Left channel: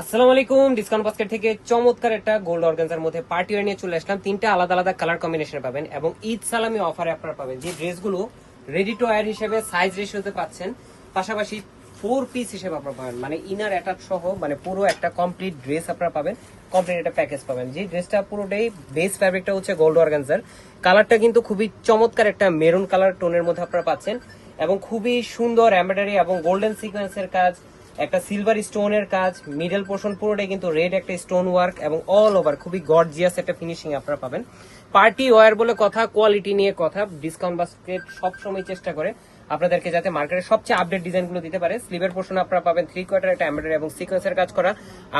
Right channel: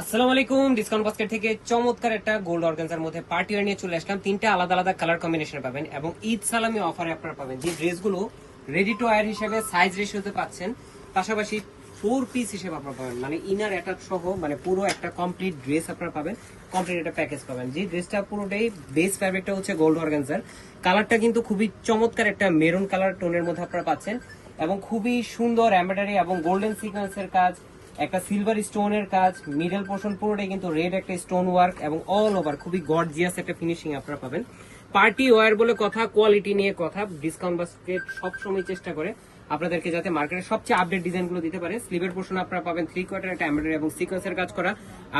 আসসালামু আলাইকুম। Discount basket থেকে চমৎকার একটা গোল্ড অর্গানজার মধ্যে পার্টি ওয়্যার নিয়ে চলে আসলাম। তিনটা আলাদা আলাদা কালার কম্বিনেশন পাবেন এবং ঈদ সালামি অফারে আপনারা পাবেন যে ড্রেসগুলো রেডি টু ওয়্যার হিসেবে সাইজ রেশিওতে পাচ্ছেন, পাশাপাশি 4 পিস হিসেবে আপনারা পাবেন, মানে ইনার অ্যাটাচ সহ মানে পুরো একটা কমপ্লিট ড্রেস আপনারা পাবেন, কমপ্লিট একটা প্যাকেজ পাবেন। যে ড্রেসটা পুরোটাই বেস ফ্যাব্রিকটা হচ্ছে গোল্ড অর্গানজার, কালারটা কিন্তু খুবই চমৎকার একটা মেরুন কালার টোনের মধ্যে আপনারা পাচ্ছেন এবং খুবই সুন্দর এমব্রয়ডারি এবং গোল্ডেন সিকোয়েন্সের কাজ, একটা সিলভার স্টোনের কাজ, মিডল পোর্শন পুরোটাই কিন্তু রেড একটা স্টোন ওয়ার্ক এবং অল ওভার খুবই গর্জিয়াস একটা ফিনিশিং আপনারা পাবেন। পার্টি ওয়্যার বলে কথা, কোয়ালিটি নিয়ে কথা, ডিসকাউন্ট বাস্কেট সবসময় চেষ্টা করে আপনাদেরকে যাতে মার্কেটের সবচেয়ে আপডেট ডিজাইনগুলো দিতে পারে। স্লিভের পোর্শন আপনারা পাবেন 3/4 একটা এমব্রয়ডারি এবং সিকোয়েন্সের কাজ করা,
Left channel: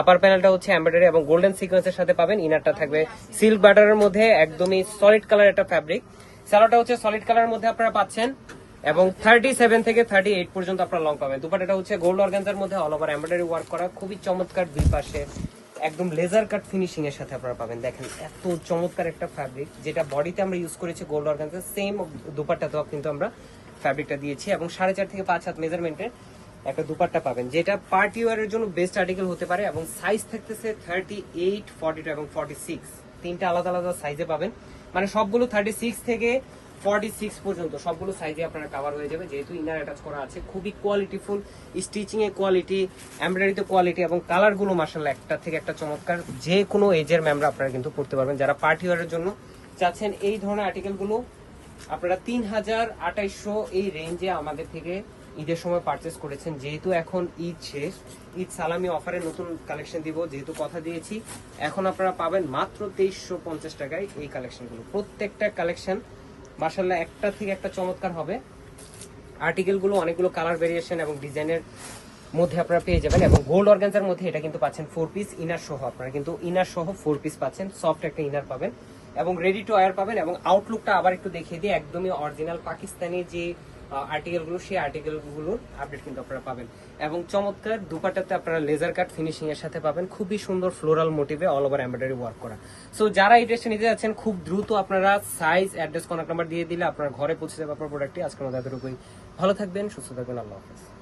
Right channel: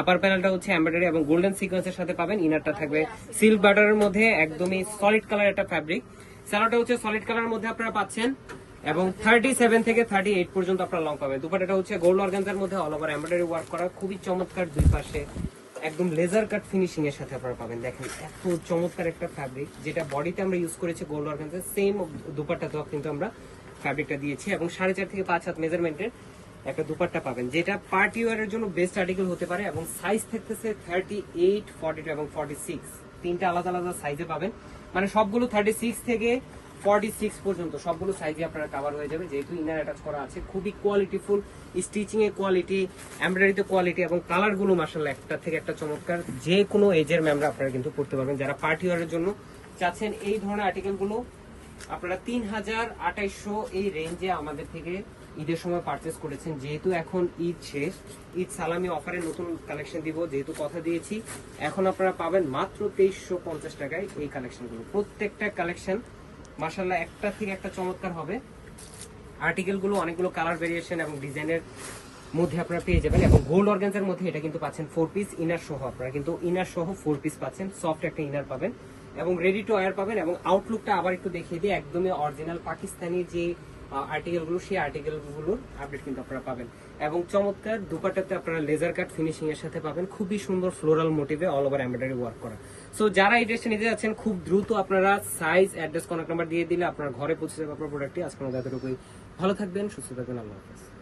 আপার প্যানেলটা হচ্ছে এমব্রয়ডারি এবং গোল্ডেন সিকোয়েন্সের সাথে পাবেন। ইনারটা থাকবে সিল্ক বাটারের মধ্যে একদমই সলিড কালার একটা ফ্যাব্রিক, সালোয়ারটা হচ্ছে সলিড কালারের মধ্যে আপনারা পাচ্ছেন এবং 37 থেকে 38 পর্যন্ত আপনারা লং পাবেন। দুপাট্টাটা হচ্ছে গোল্ড অর্গানজার মধ্যে অল ওভার এমব্রয়ডারি ওয়ার্ক করা, খুবই চমৎকার, দুই পাশে একদম লেজার কাট ফিনিশিং এর সাথে আপনারা পাবেন। দেখেন এত চমৎকার একটা ফ্যাব্রিক, যেটা বডিতে আমরা ইউজ করেছি গোল্ড অর্গানজার, সেম দুপাট্টাতেও কিন্তু আমরা ফ্যাব্রিকটা দিয়েছি এবং 4.5 থেকে 5 হাত মেজারমেন্টের একটা দুপাট্টা পাবেন, যেটা পার্টি ওয়্যারের জন্য বেস্ট আর্টিকেল হতে পারে এবং সাইজ থাকতেছে 38, 42 এবং 46, তিনটা আলাদা আলাদা সাইজে পাবেন। মানে সবগুলো 36 থেকে 46 পর্যন্ত সবগুলো সাইজে আপনারা কভার হয়ে যাবে, যেহেতু ইনার অ্যাটাচ করা আছে। খুবই কোয়ালিটিফুল, স্টিচিং এর কোয়ালিটি, এমব্রয়ডারিতে কোয়ালিটি এবং কালারগুলো মাশাআল্লাহ একটা থেকে একটা চমৎকার। যে কোনো এজের ম্যামরা আপনারা কিন্তু পড়তে পারবেন। যারা পার্টি ওয়্যারের জন্য চাচ্ছেন এই ধরনের আর্টিকেলগুলো, আপনারা 3200 এই রেঞ্জে আমাদের থেকে ঈদের সময় পারচেস করেছেন। যেহেতু এখন ঈদ শেষ, ঈদ সালামি অফারে নতুন কালেকশন দিব, যেহেতু কথা দিয়েছি, এখন আপনারা পাবেন মাত্র 2350 টাকায় এই কালেকশনগুলো। প্রত্যেকটা কালেকশন মাশাআল্লাহ একটা থেকে একটা চমৎকার হবে। আর্টিকেলগুলো অনেকগুলো কালার ভেরিয়েশন এবং ডিজাইনের মধ্যে আপনারা পেয়ে যাবেন এবং গোল্ড অর্গানজার মধ্যে এটা কিন্তু পাচ্ছেন 4 পিস ইনার সহ, আপনারা কিন্তু ইনার সহ 4 পিস পাচ্ছেন, সফট একটা ইনার পাবেন এবং রেডি টু ওয়্যার পাবেন। এবং আউটলুকটা আবার একটু দেখিয়ে দিই, একদমই অরিজিনাল পাকিস্তানি যে আর্টিকেলগুলো, সেই আর্টিকেলগুলোর আপডেট কিন্তু আপনারা পাবেন এবং চমৎকার দুপাট্টাতে আপনারা লেজার কাট ফিনিশিং এর সাথে পাবেন, খুবই সুন্দর ফ্লোরাল মোটিভে অল ওভার এমব্রয়ডারি ওয়ার্ক করা। সো যারা এই ড্রেসটা নিতে যাচ্ছেন খুব দ্রুত আপনারা সাইজ, অ্যাড্রেস, কন্টাক্ট নাম্বার দিয়ে দিলে আপনার ঘরে পৌঁছে যাবে আপনার প্রোডাক্টটি। আজকের মধ্যে এতটুকুই। ভালো থাকবেন, সুস্থ থাকবেন, আল্লাহ হাফেজ।